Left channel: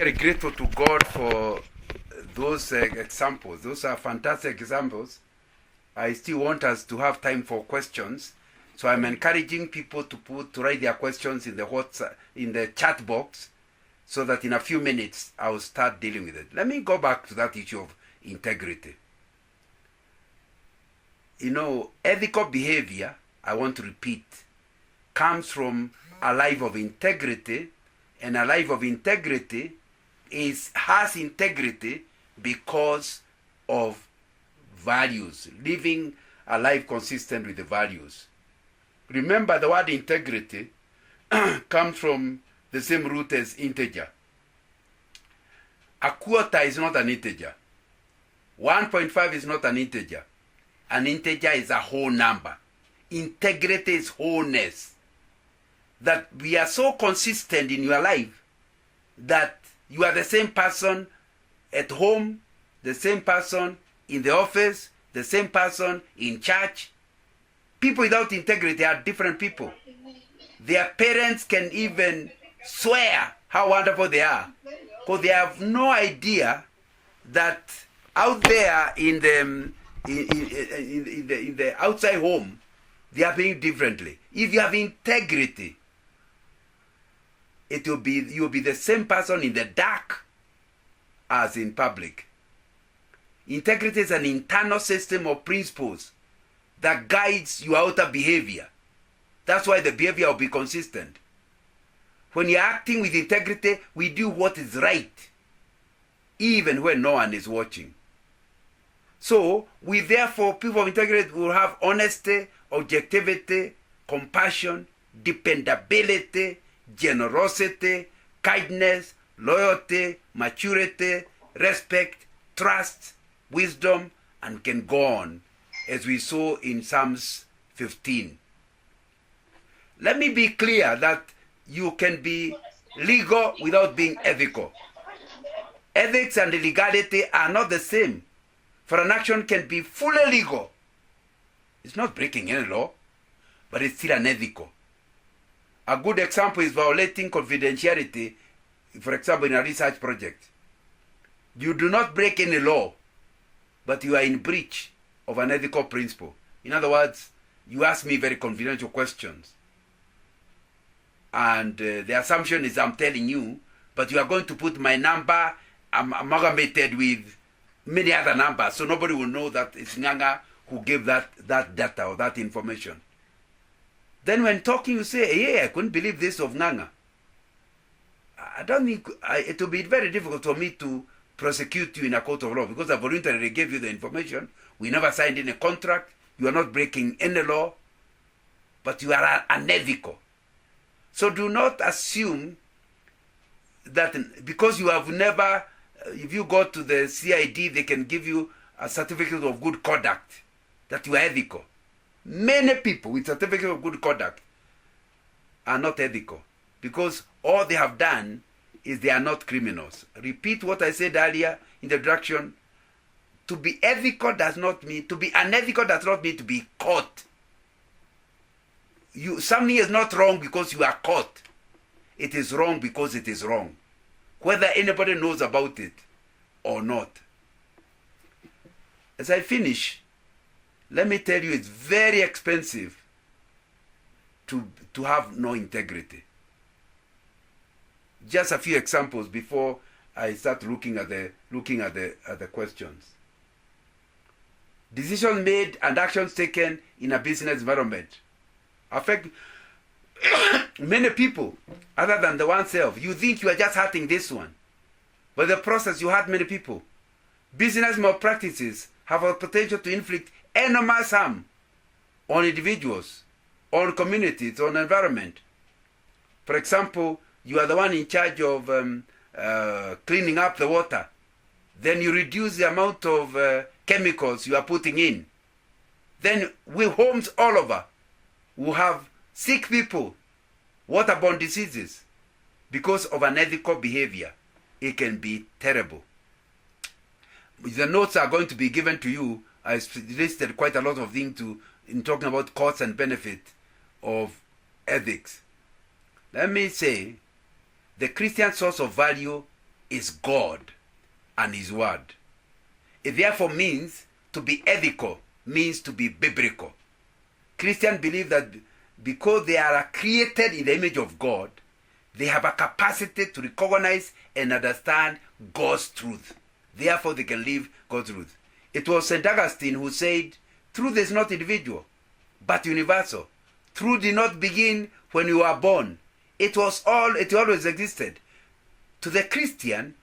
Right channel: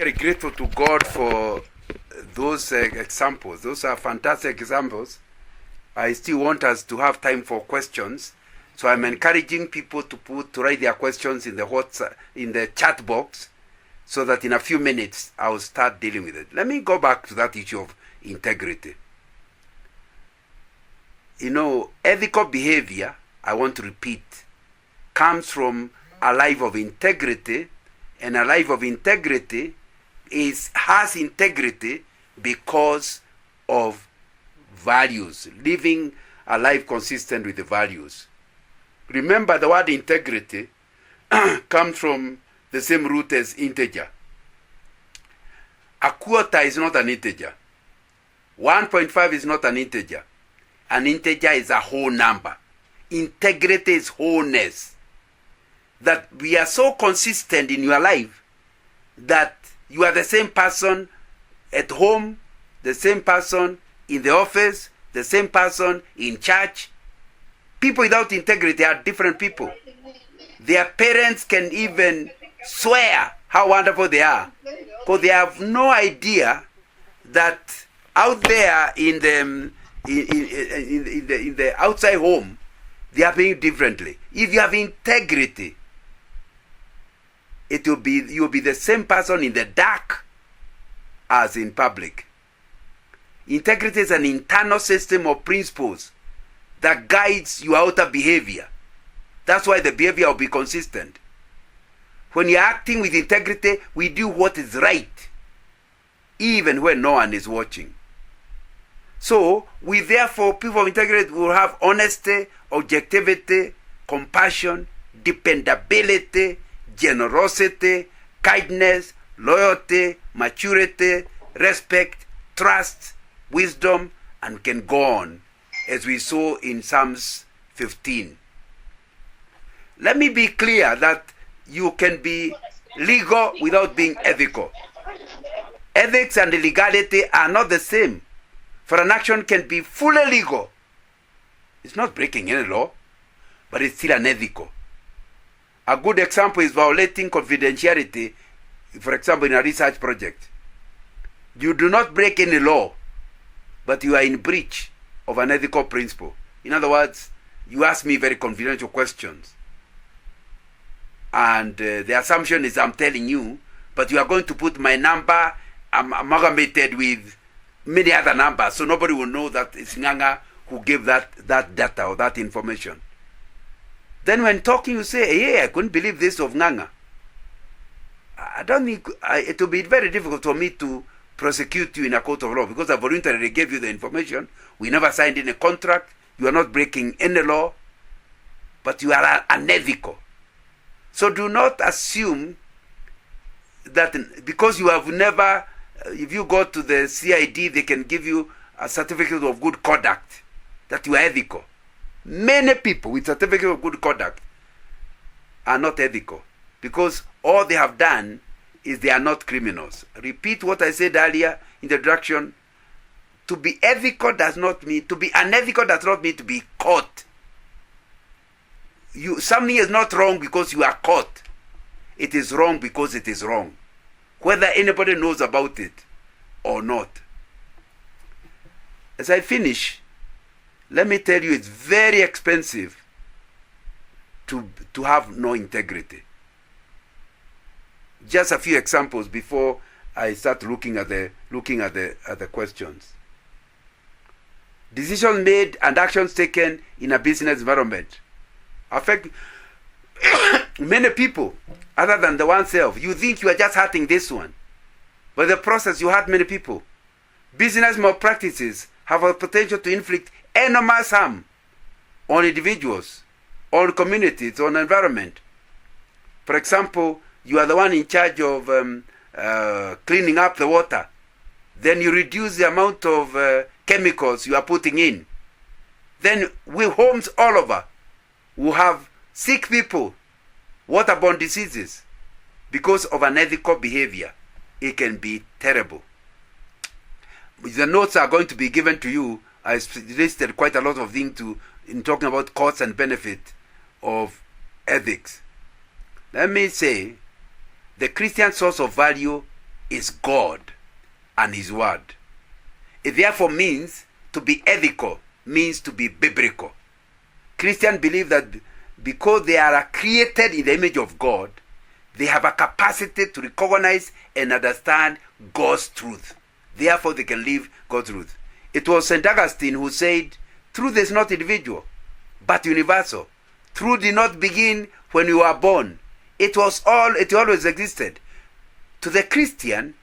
Very grateful to God for those examples. Those are fantastic examples. I still want us to have time for questions, so I'm encouraging people to write their questions in the chat box, so that in a few minutes I'll start dealing with it. Let me go back to that issue of integrity. Ethical behavior, I want to repeat, comes from a life of integrity, and a life of integrity has integrity because of values, living a life consistent with the values. Remember, the word integrity comes from the same root as integer. A quarter is not an integer. 1.5 is not an integer. An integer is a whole number. Integrity is wholeness. That we are so consistent in your life that you are the same person at home, the same person in the office, the same person in church. People without integrity are different people. Their parents can even swear how wonderful they are, because they have no idea that out there in the outside home, they are being differently. If you have integrity, you'll be the same person in the dark as in public. Integrity is an internal system of principles that guides your outer behavior. That's why the behavior will be consistent. When you're acting with integrity, we do what is right, even when no one is watching. So, therefore, people of integrity will have honesty, objectivity, compassion, dependability, generosity, kindness, loyalty, maturity, respect, trust, wisdom, and can go on, as we saw in Psalms 15. Let me be clear that you can be legal without being ethical. Ethics and legality are not the same. For an action can be fully legal. It's not breaking any law, but it's still unethical. A good example is violating confidentiality, for example, in a research project. You do not break any law, but you are in breach of an ethical principle. In other words, you ask me very confidential questions, and the assumption is I'm telling you, but you are going to put my number amalgamated with many other numbers, so nobody will know that it's Nganga who gave that data or that information. Then when talking, you say, hey, I couldn't believe this of Nganga. I don't think it will be very difficult for me to prosecute you in a court of law, because I voluntarily gave you the information. We never signed any contract. You are not breaking any law, but you are unethical. So do not assume that because you have never, if you go to the CID, they can give you a certificate of good conduct, that you are ethical. Many people with certificate of good conduct are not ethical, because all they have done is they are not criminals. Repeat what I said earlier in the introduction. To be ethical does not mean, to be unethical does not mean to be caught. Something is not wrong because you are caught. It is wrong because it is wrong, whether anybody knows about it or not. As I finish, let me tell you, it's very expensive to have no integrity. Just a few examples before I start looking at the questions. Decisions made and actions taken in a business environment affect many people other than the oneself. You think you are just hurting this one, but the process you hurt many people. Business malpractices have a potential to inflict enormous harm on individuals, on communities, on environment. For example, you are the one in charge of cleaning up the water. Then you reduce the amount of chemicals you are putting in. Then homes all over will have sick people, waterborne diseases, because of unethical behavior. It can be terrible. The notes are going to be given to you. I listed quite a lot of things in talking about costs and benefit of ethics. Let me say, the Christian source of value is God and His Word. It therefore means to be ethical, means to be biblical. Christians believe that because they are created in the image of God, they have a capacity to recognize and understand God's truth. Therefore, they can live God's truth. It was St. Augustine who said, truth is not individual, but universal. Truth did not begin when you were born. It always existed. To the Christian,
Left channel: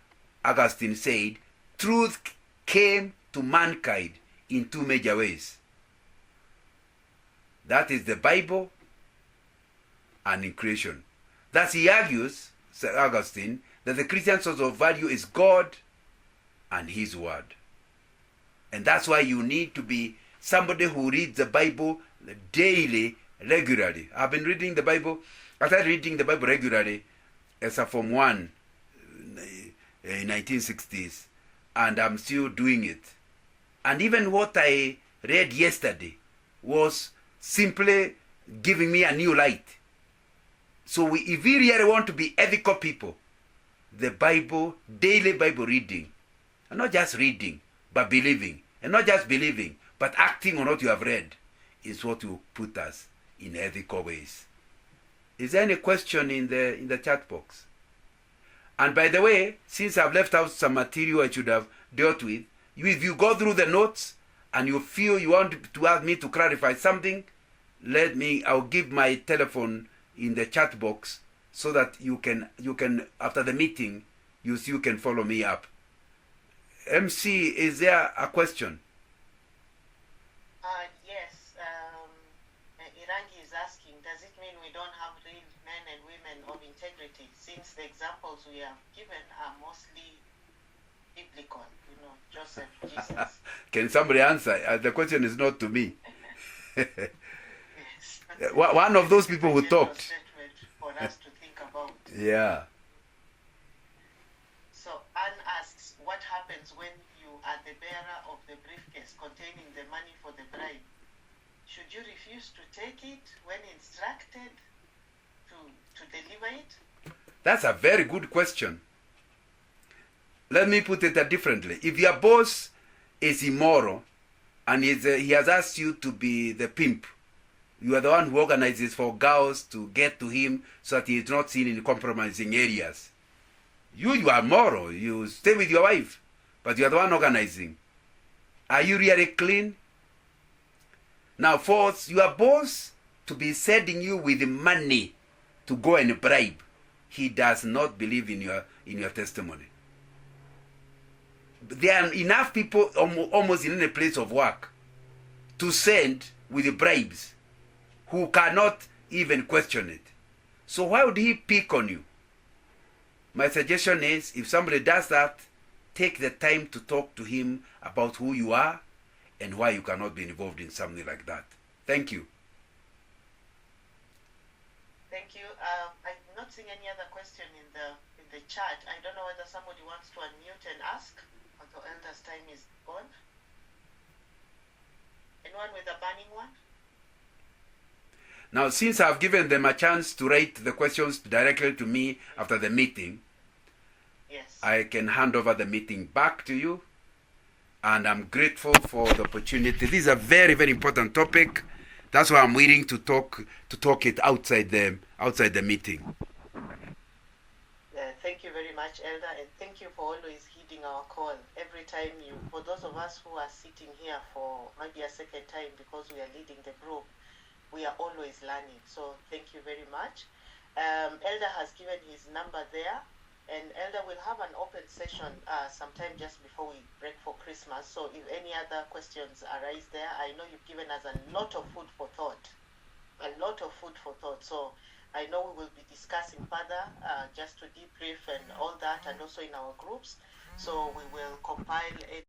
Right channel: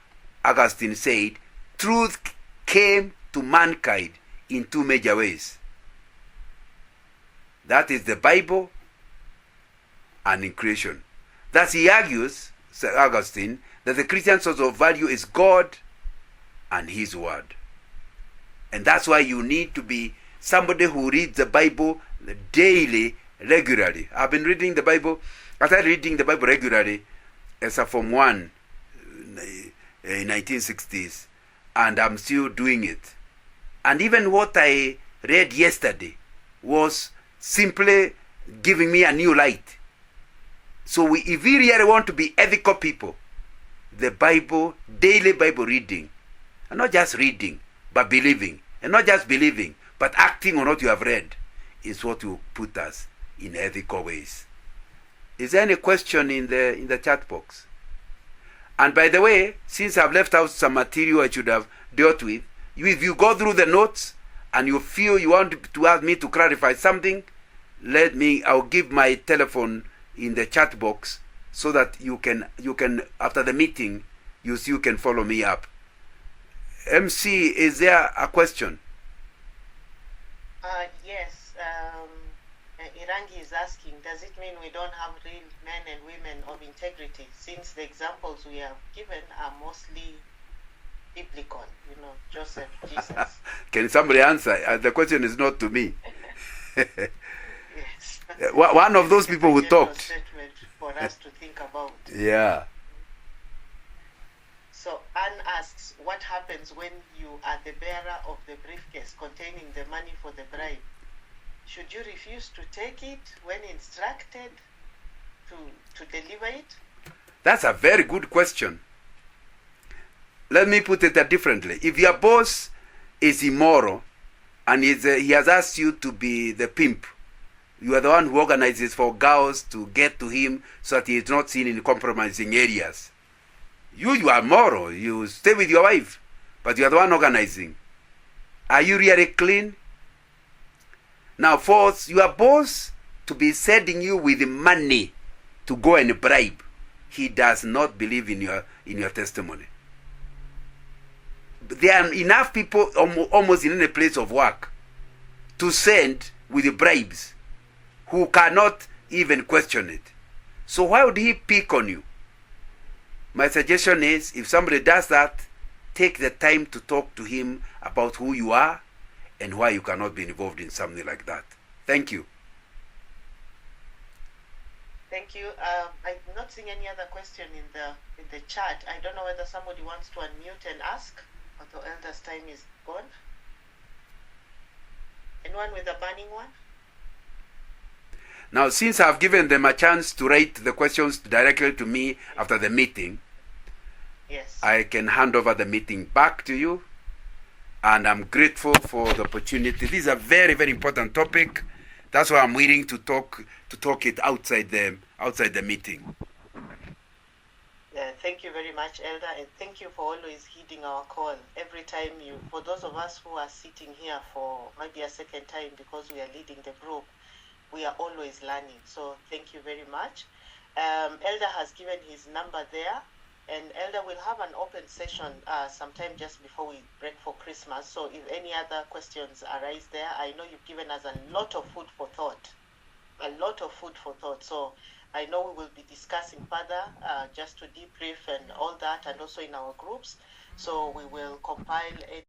Augustine said, truth came to mankind in two major ways. That is the Bible and in creation. Thus he argues, St. Augustine, that the Christian source of value is God and His Word. And that's why you need to be somebody who reads the Bible daily, regularly. I've been reading the Bible. I started reading the Bible regularly as a Form 1 in 1960s, and I'm still doing it. And even what I read yesterday was simply giving me a new light. So if we really want to be ethical people, the Bible, daily Bible reading, and not just reading, but believing, and not just believing, but acting on what you have read, is what will put us in ethical ways. Is there any question in the chat box? And by the way, since I've left out some material I should have dealt with, if you go through the notes and you feel you want to ask me to clarify something, I'll give my telephone in the chat box so that you can after the meeting, you can follow me up. MC, is there a question? Yes. Irangi is asking, does it mean we don't have real men and women of integrity, since the examples we have given are mostly biblical, Joseph, Jesus? Can somebody answer? The question is not to me. Yes. One of those people who talked. Statement for us to think about. Yeah. So Anne asks, what happens when you are the bearer of the briefcase containing the money for the bribe? Should you refuse to take it when instructed to deliver it? That's a very good question. Let me put it differently. If your boss is immoral and he has asked you to be the pimp, you are the one who organizes for girls to get to him so that he is not seen in compromising areas. You are moral. You stay with your wife, but you are the one organizing. Are you really clean? Now, fourth, your boss to be sending you with money to go and bribe, he does not believe in your testimony. There are enough people almost in any place of work to send with bribes who cannot even question it. So why would he pick on you? My suggestion is, if somebody does that, take the time to talk to him about who you are and why you cannot be involved in something like that. Thank you. Thank you. I'm not seeing any other question in the chat. I don't know whether somebody wants to unmute and ask, or the elder's time is gone. Anyone with a burning one? Now, since I've given them a chance to write the questions directly to me after the meeting, yes, I can hand over the meeting back to you. And I'm grateful for the opportunity. This is a very, very important topic. That's why I'm willing to talk it outside the meeting. Thank you very much, Elder, and thank you for always heeding our call. Every time for those of us who are sitting here for maybe a second time because we are leading the group, we are always learning. So thank you very much. Elder has given his number there. And Elder will have an open session sometime just before we break for Christmas. So if any other questions arise there, I know you've given us a lot of food for thought. So I know we will be discussing further just to debrief and all that, and also in our groups. So we will compile